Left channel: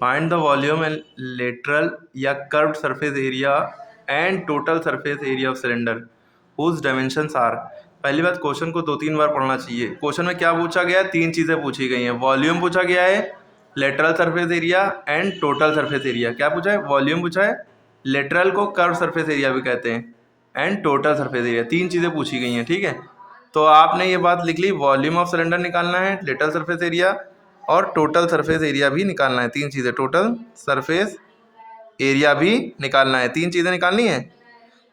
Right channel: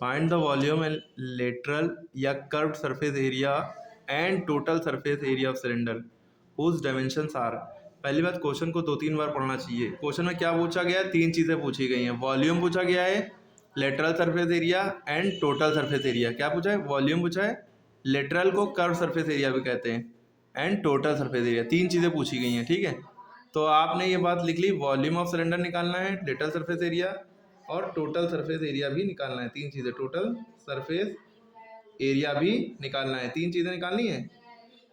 Find the volume and lateral या curved surface area and total surface area of cylinder whose dimensions are. पहली बात, question को 2-3 बार पढ़ना चाहिए। क्वेश्चन में क्या पूछा गया है? 3 चीज़ें पूछी गई हैं। वॉल्यूम पूछा गया है, lateral surface area and total surface area. क्या पूछा है? वॉल्यूम पूछा है, लेटरल को कर्व सरफेस एरिया भी कहते हैं, एंड टोटल सरफेस एरिया। 3 चीज़ें पूछी गई हैं, ठीक है। तो आपने ये बात लिख ली, वॉल्यूम ऑफ सिलेंडर निकालना है, लेटरल सरफेस एरिया और टोटल सरफेस एरिया भी निकालना है। 3 चीज़ें, टोटल सरफेस एरिया भी निकालना है, 3 चीज़ें निकालनी है,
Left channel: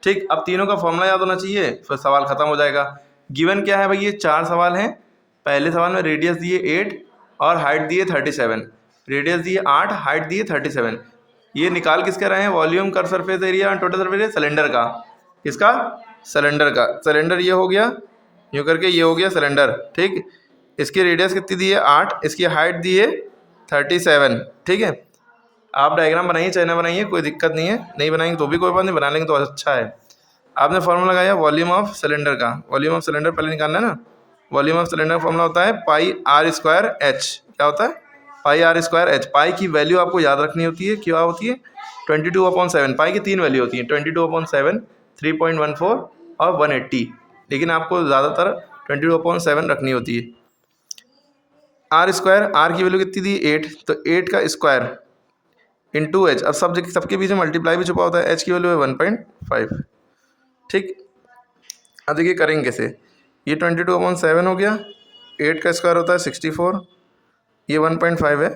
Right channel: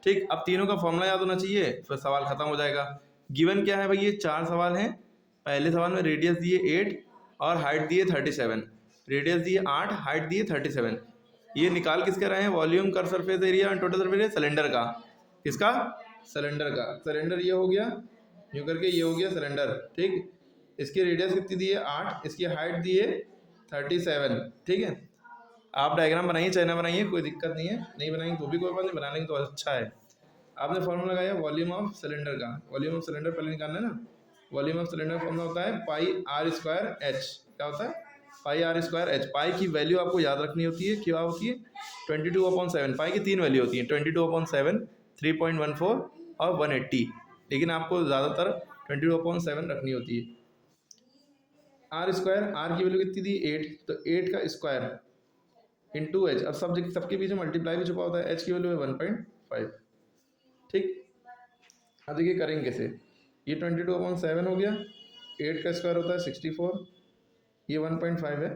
ठीक। अब तीनों का फॉर्मूला याद होना चाहिए, फिर सवाल खत्म हो जाएगा। गिवन क्या है भाई? ये 4 सवाल हैं। पहले सवाल में रेडियस दिए 8 और हाइट दिए 37। रेडियस दिए 8, हाइट दिए 37। ये निकाल किसके रहे हैं? वॉल्यूम, कर्व सरफेस एरिया और टोटल सरफेस एरिया सिलेंडर का। किसका? सिलेंडर का। सिलेंडर ये हो गया, यूँ करके ये हो गया सिलेंडर, ठीक। इसकी रेडियस कितनी दी है? 8। इसकी हाइट दी है 37, ठीक है। आप डायग्राम बनाइए, चाहे ना बनाइए, कोई दिक्कत नहीं है। नहीं बनाएंगे तो भी कोई बात नहीं, बना लेंगे तो अच्छा है। आपने फॉर्मूला लगाया वॉल्यूम ऑफ सिलेंडर का। वॉल्यूम ऑफ सिलेंडर पहले निकालना है ना। वॉल्यूम ऑफ सिलेंडर फॉर्मूला होता है पाई आर स्क्वायर एच। क्या होता है? पाई आर स्क्वायर एच। पाई की वैल्यू आपको याद रखनी होती है, क्या होती है? 22/7। पाई की 3 वैल्यू होती हैं, 22/7, 3.14 और 180, लेकिन आपको ज़्यादातर 22/7 रखनी होती है। आर स्क्वायर, आर की वैल्यू कितनी दी? 8, तो 8 का स्क्वायर इंटू एच। अब सबके बीच में मल्टीप्लाई भी छुपा होता है। एच की वैल्यू है 1.5, ठीक। अब देखिए करेंगे कैसे। ये 22/7 हो गया, 8 का स्क्वायर होता है 64, ये 1.5 है।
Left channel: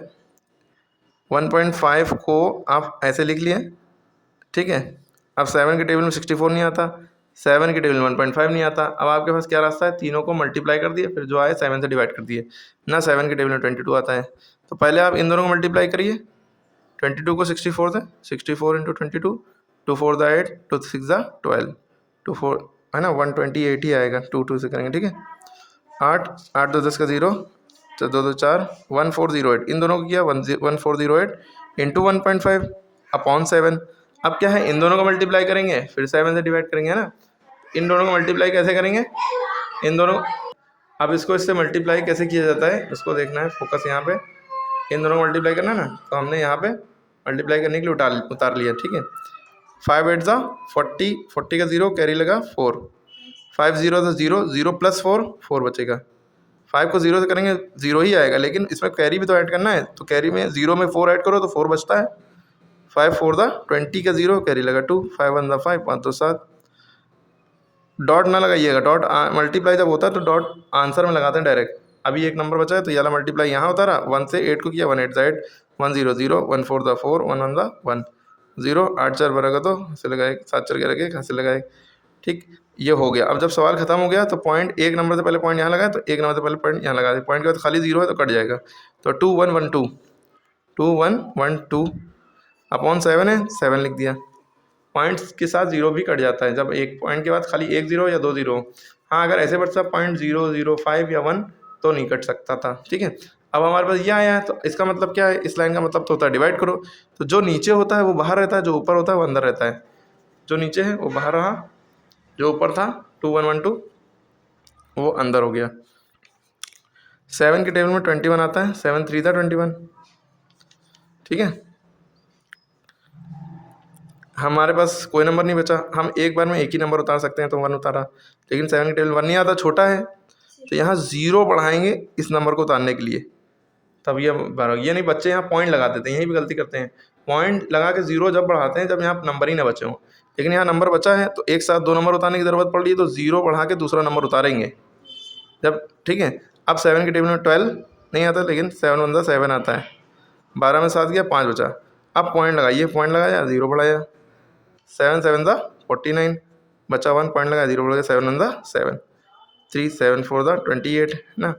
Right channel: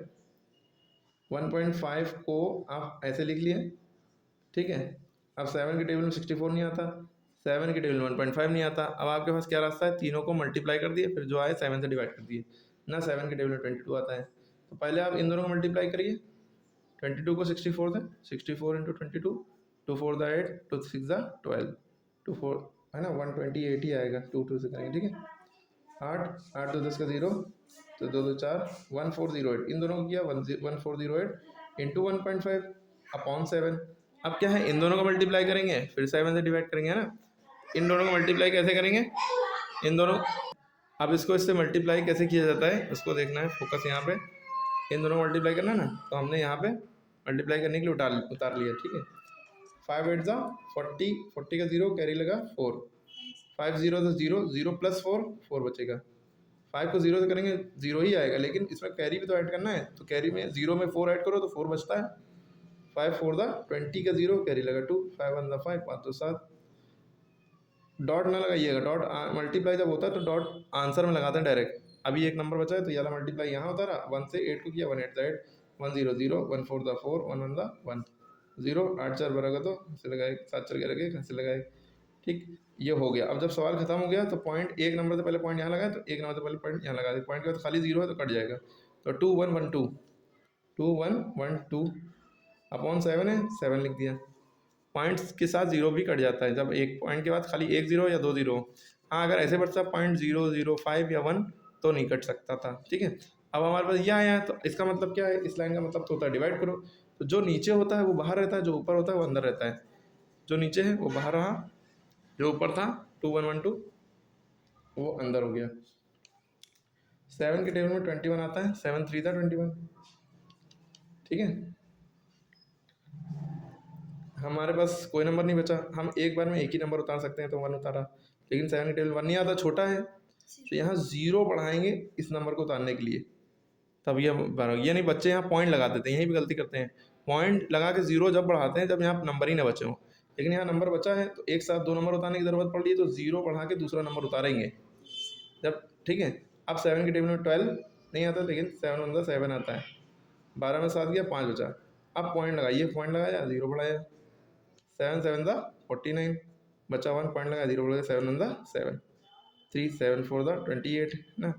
1.5 को आप ऐसे लिख लिए, ठीक है। अब 7 के टेबल में 64 नहीं आता, 7 के टेबल में 1.5 नहीं आता। अब आपके पास क्या रास्ता है? तीनों को मल्टीप्लाई कर दिए, फिर जो आए 7 से डिवाइड कर दिए ना। 7 के टेबल में 22 आता है, तो पहले आप इन दोनों को मल्टीप्लाई करिए। 22 को 64 से, 64 इंटू 22, 2 4 द 8, 2 6 द 12, 2 4 है ना, 128 ही आएगा। 2 से करेंगे, ठीक है। 8 8 2 10 का 0, तो 2 2 4, 1408। इन दोनों को किया 1408 इंटू 1.5 अपॉन 7। अब क्या है? इन दोनों को मल्टीप्लाई करेंगे, फिर 7 से डिवाइड करेंगे, है ना। इन दोनों को मल्टीप्लाई कैसे करेंगे? इन दोनों, अब इसको इससे मल्टीप्लाई कैसे किया जाता है इसको देखना है, फोकस यहाँ पे। इन दोनों को मल्टीप्लाई करना है ना, तो हमने यहाँ पे मल्टीप्लाई करने के लिए उतार लिया, ठीक है। 5 8 ज़ा 40, 40 का 0 कैरी लगा 4, 5 0 तो 0, 0 प्लस 4, 4 बचेगा। 5 को 0 से करेंगे 0 ही आएगा, लेकिन इसमें कैरी भी तो ऐड करना है, तो कैरी में 0 में 4 ऐड करो तो 4 बचता है। 5 4 दा 20 का 0 कैरी लगा 2, 5 1 दा 5, 5 2 7। डॉट ना लगाइएगा, डॉट मल्टीप्लाई जब होता है तो डॉट आंसर में लगाते हैं डायरेक्ट। अभी एक नंबर बचा है तो ये वाला मल्टीप्लाई यहाँ होता रहा। 1 से 8 को किया, 1 8 दा 8, 1 0 0, 1 4 दा 4, 1 1 दा 1 0, 8 4 बराबर तो हंसे लगाए, 7 4 के लगे हंसे लगाए, ठीक। ये हो गया। अब जब सवाल खत्म हो गया तो पॉइंट, एक नंबर से पहले पॉइंट यहाँ लगाए, तो एक नंबर से पहले पॉइंट यहाँ लगा दे। पॉइंट के बाद खाली 0 है तो कट जाएगा, तो 2 1 1 2, 2 1 1 2 अपॉन 7 है, 7 लिख दिया। पॉइंट्स के साथ 0 भी कट जाता है जब एक पॉइंट के बाद खाली एक 0 या 2 0। हाँ, अगर ऐसे बढ़ता 0.005 या 1 तो नहीं कट सकता था, ठीक है। अब हमारे पास ये आया है, तो इसका मतलब क्या है? इस लाइन का मतलब तो होता है डिवाइड करो। तो जो नीचे होता है वो बाहर रहता है, जो ऊपर होता है वो अंदर रहता है। जो नीचे है वो बाहर रहा, जो ऊपर था 2 1 1 2 वो अंदर हो गया। 7 के टेबल में 21 आता है, 7 3 था 21, ठीक है। हमारे पास कोई नंबर नहीं बचा, हम एक बार में एक ही नंबर उतार सकते हैं, तो 1 उतारा, लेकिन 7 के टेबल 1 नहीं आता, छोटा है, तो यहाँ 0 बढ़ाएंगे इस नंबर को उतारने के लिए, तब ये नहीं। बच्चे यहाँ पॉइंट लगा देते हैं, यही भी गलती करते हैं। पॉइंट लगा के 0 जब बढ़ाते हैं जब यहाँ नंबर ही ना बचे हों, लेकिन यहाँ नंबर बचा है तो एक साथ 2 नंबर उतारने की ज़रूरत पड़ रही है, तो 0 बढ़ा के दूसरा नंबर उतारेंगे जब, ठीक है। अब 7 के टेबल में 12 नहीं आता, लेकिन 7 1 दा 7 आता है। 12 में 7 गया, 5 बचा। अब पॉइंट लगाइए, पॉइंट लगाया 0 बढ़ाया, 7 7 दा 49 बचा, 1 पॉइंट लगाया 0 बढ़ गया, 7 1 दा 7, 3 7 4 दा 28 है ना।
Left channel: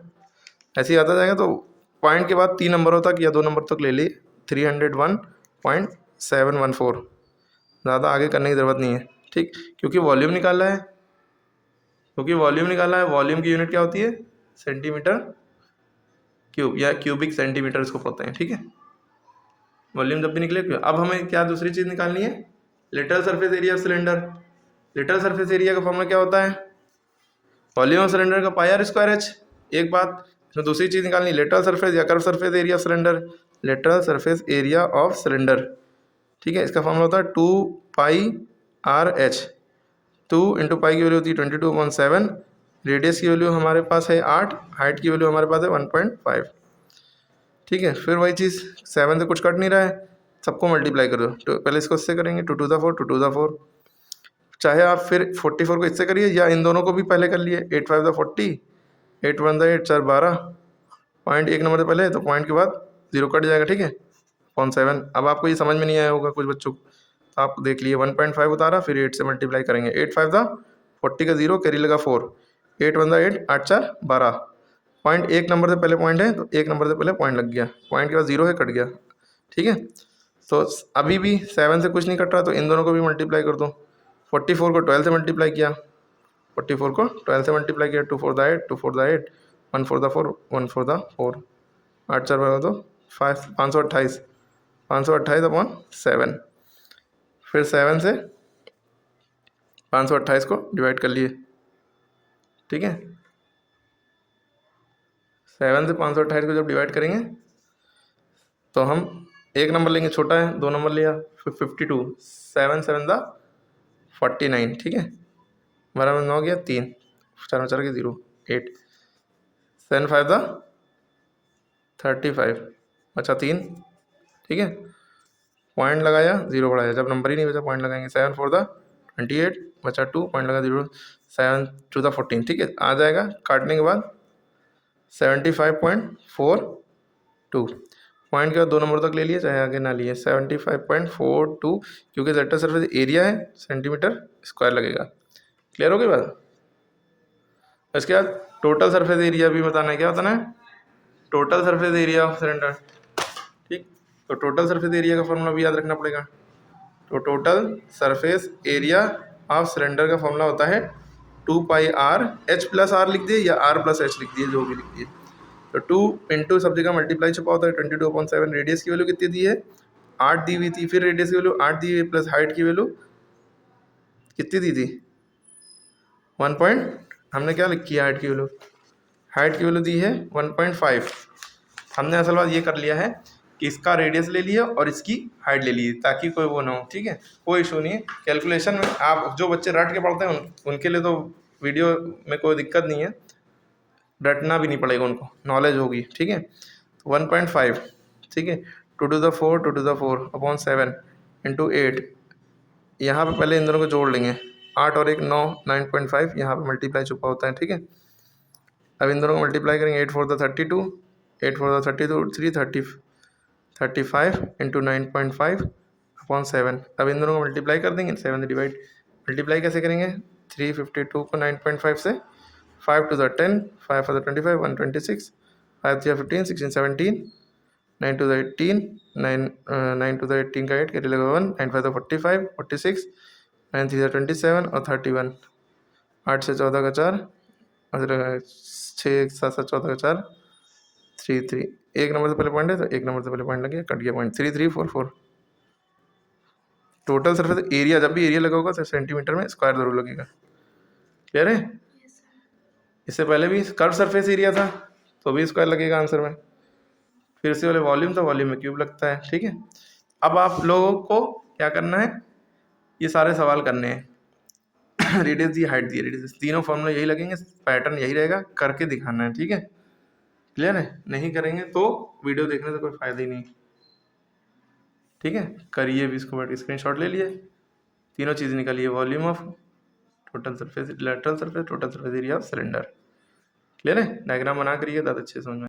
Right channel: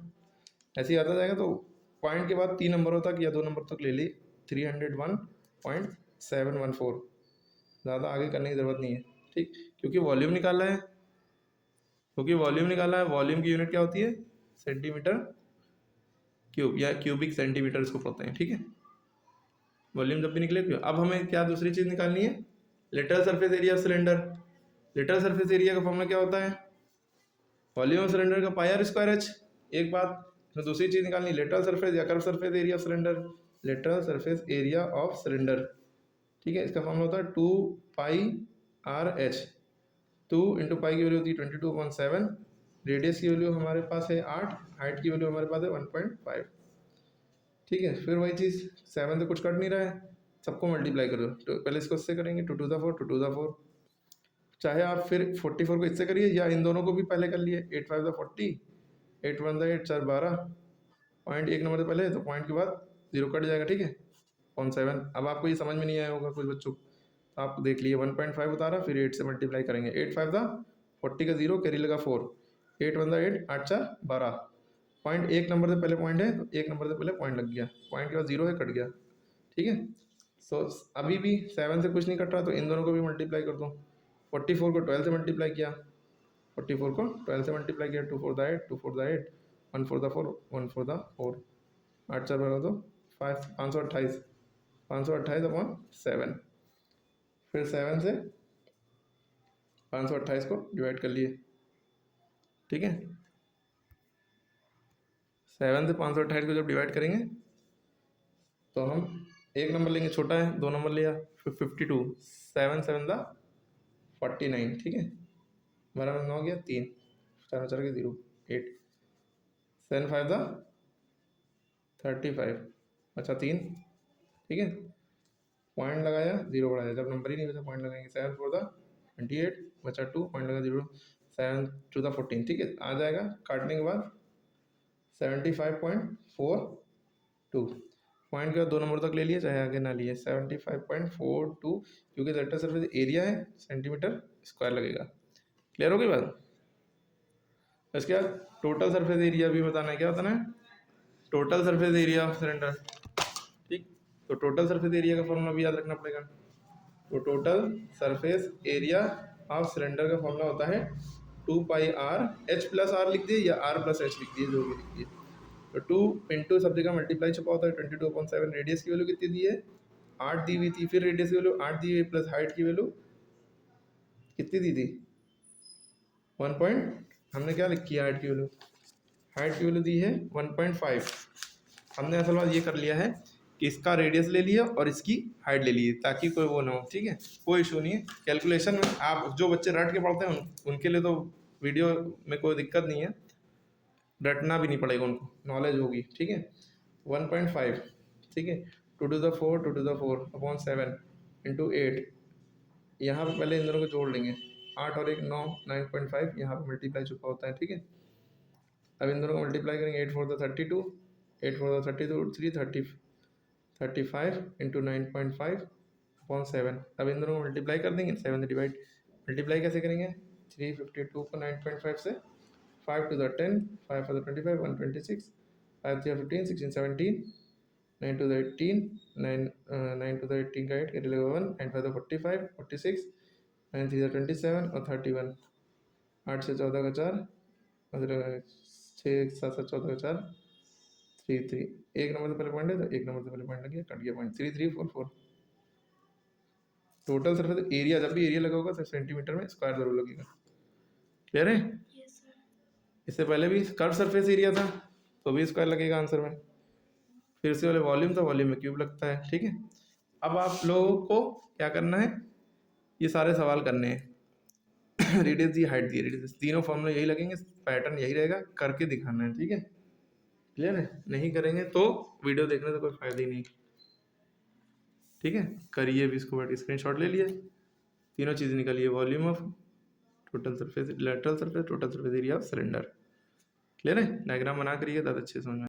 ऐसे ही आता जाएगा। तो पॉइंट के बाद 3 नंबरों तक या 2 नंबर तक ले लिए, 301.714। ज़्यादा आगे करने की ज़रूरत नहीं है, ठीक। क्योंकि वॉल्यूम निकालना है, वॉल्यूम की यूनिट क्या होती है? सेंटीमीटर क्यूब या क्यूबिक सेंटीमीटर इसको बोलते हैं, ठीक है। वॉल्यूम जब भी निकले। अब हमें क्या दूसरी चीज़ निकालनी है? Literal surface area of cylinder. Literal surface area का फॉर्मूला क्या होता है? वॉल्यूम ऑफ सिलेंडर का पाई आर स्क्वायर एच। एक बात, इसमें दूसरी चीज़ निकालनी, लिटरल सरफेस या curve surface area of cylinder. Lateral surface area of cylinder, ठीक है। इसका फॉर्मूला होता है 2πr/h। 2 इंटू पाई की वैल्यू होती है 22/7, रेडियस की वैल्यू हमारे पास है 8, हाइट की वैल्यू हमारे पास है 1.5, ठीक है। फिर वही चीज़ 7 से कुछ कट नहीं रहा है, सबको मल्टीप्लाई कर दो। तो पहले इसको इससे करेंगे 2 to the 4, 2 to the 4, चाहे आप फिर 44 को इससे करिए या इन दोनों को भी पहले कर लिए। 8 5 the 40, 8 1 the 8, 4 12, पॉइंट एक नंबर से पहले तो पॉइंट के बाद 0 कट जाएगा, ठीक है। 0.7। अब आपको ये समझ में नहीं आया होगा कुछ बच्चों को, आप देख लिए 1.5 उतारा, फिर 8 से मल्टीप्लाई करेंगे। 8 5 the 40 का 0, कैरी लगा 4, 8 1 the 8, 8 4 12, पॉइंट एक नंबर से पहले पॉइंट है तो एक नंबर से पहले पॉइंट लग गया, पॉइंट के बाद 0 है, कट गया, ठीक है। तो अभी भी 7 से कुछ नहीं कट रहा, तो इन दोनों को भी मल्टीप्लाई कर दो। 44 को 12 से मल्टीप्लाई किया, 44 को 12 से मल्टीप्लाई किया, 2 4 the 8, 2 4 the 8, 1 4 the 4, 1 4 the 4, 8 4 12 तो 528, 528/7। फिर 7 से 528 को डिवाइड कर लिए, ठीक है। 7 से 528 को जब डिवाइड करेंगे तो हम एक नंबर लेंगे, छोटा है, 2 नंबर लिया, 52, 7 7 the 49, ठीक है। 12 में 9 गया, 3, 4 में 4 के 0, 8, 7 5 the 35, बचा 3, ठीक है। पॉइंट लगाया, 0 बढ़ाया, जब नंबर ही नहीं बचा पॉइंट लगाएंगे। 7 4 the 28, बचा 2, पॉइंट लगा 0, 7 2 the 14, ठीक है। आ जाएगा काटने के बाद 75.42, पॉइंट के बाद 2 नंबर तक ले लिए, चाहे आगे ना लिए। 75.42, क्योंकि लेटरल सरफेस एरिया है, सेंटीमीटर स्क्वायर लगेगा। क्लियर हो गई बात। इसके बाद टोटल सरफेस एरिया भी बताना है। क्या बताना है? Total surface area of cylinder, ठीक। तो टोटल सरफेस एरिया का फॉर्मूला भी याद रखना पड़ेगा। तो total surface area of cylinder का फॉर्मूला होता है 2πr, h प्लस आर लिख दिए या r प्लस h लिख दिए, जो भी लिख दिए। तो 2 इंटू सब जगह मल्टीप्लाई छुपा होता है, 22/7। रेडियस की वैल्यू कितनी दी है? 8 दी हुई थी, फिर रेडियस की वैल्यू 8 दी हुई, प्लस हाइट की वैल्यू कितनी दी थी? 1 पॉइंट, हमने क्या लिखी है हाइट की वैल्यू? हाइट की वैल्यू दी है 1.5। हमने असल बात ये कर लिया है कि इसका रेडियस ले लिया और इसकी हाइट ले ली, ताकि कोई वो ना हो, ठीक है। कोई इशू नहीं है कैलकुलेशन में। आप जो बच्चे रट के पढ़ते हैं उनके लिए तो वीडियो में कोई दिक्कत नहीं है, रटना भी नहीं पड़ेगा, उनको नॉलेज होगी, ठीक है। 1.5, ठीक है। 2 to the 4, 2 to the 4/7 into 8, यहाँ पर पहले इन दोनों को जोड़ लेंगे, 8 और 1 9, 9.5, यहाँ पर मल्टीप्लाई छुपा होता है, ठीक है। अब इन दोनों को मल्टीप्लाई करेंगे, 8 4 the 32, 8 4 the 32, 3 35 इंटू 9.5/7। अब इन दोनों को मल्टीप्लाई कर देंगे, 7 से डिवाइड। मल्टीप्लाई कैसे करेंगे? 352 को 9.5 से, 5 to the 10, 5 for the 25, 126, 5 3 15, 16 17, 9 to the 18, 9 to the 18 का 8, कैरी लगा 1, 9 5 the 45, 46, 9 3 the 27 और 31, 8 से 14 का 4, 6 7 7 14 का 4, 3 3, एक नंबर से पहले पॉइंट है तो एक नंबर से पहले पॉइंट लग गया, कट गया पॉइंट। 3 3 4 4। टोटल सरफेस एरिया, जब भी एरिया लगा होगा तो सेंटीमीटर में स्क्वायर जरूर लगेगा। क्लियर है? इससे पहले भी कर्व सरफेस एरिया था तो भी स्क्वायर लगेगा आंसर में। फिर इससे पहले वॉल्यूम था, वॉल्यूम में क्यूब लगता है, ठीक है। अब आप लोगों को क्या करना है? ये सारे सवाल करने हैं। रेडियस दी, हाइट दी, रेडियस, तीनों फॉर्मूला यही लगेंगे, पैटर्न यही रहेगा, करके दिखाना है, ठीक है। क्लियर है? नहीं करेंगे तो वीडियो देखने से कोई फायदा ही नहीं, ठीक है। करिए भी इसको, बैठ स्क्रीनशॉट ले लिए, तीनों चीज़ निकालिए, volume of, total surface, lateral surface, total surface area of cylinder. Clear है? डायग्राम बना करिए, ज़्यादा अच्छे से समझ में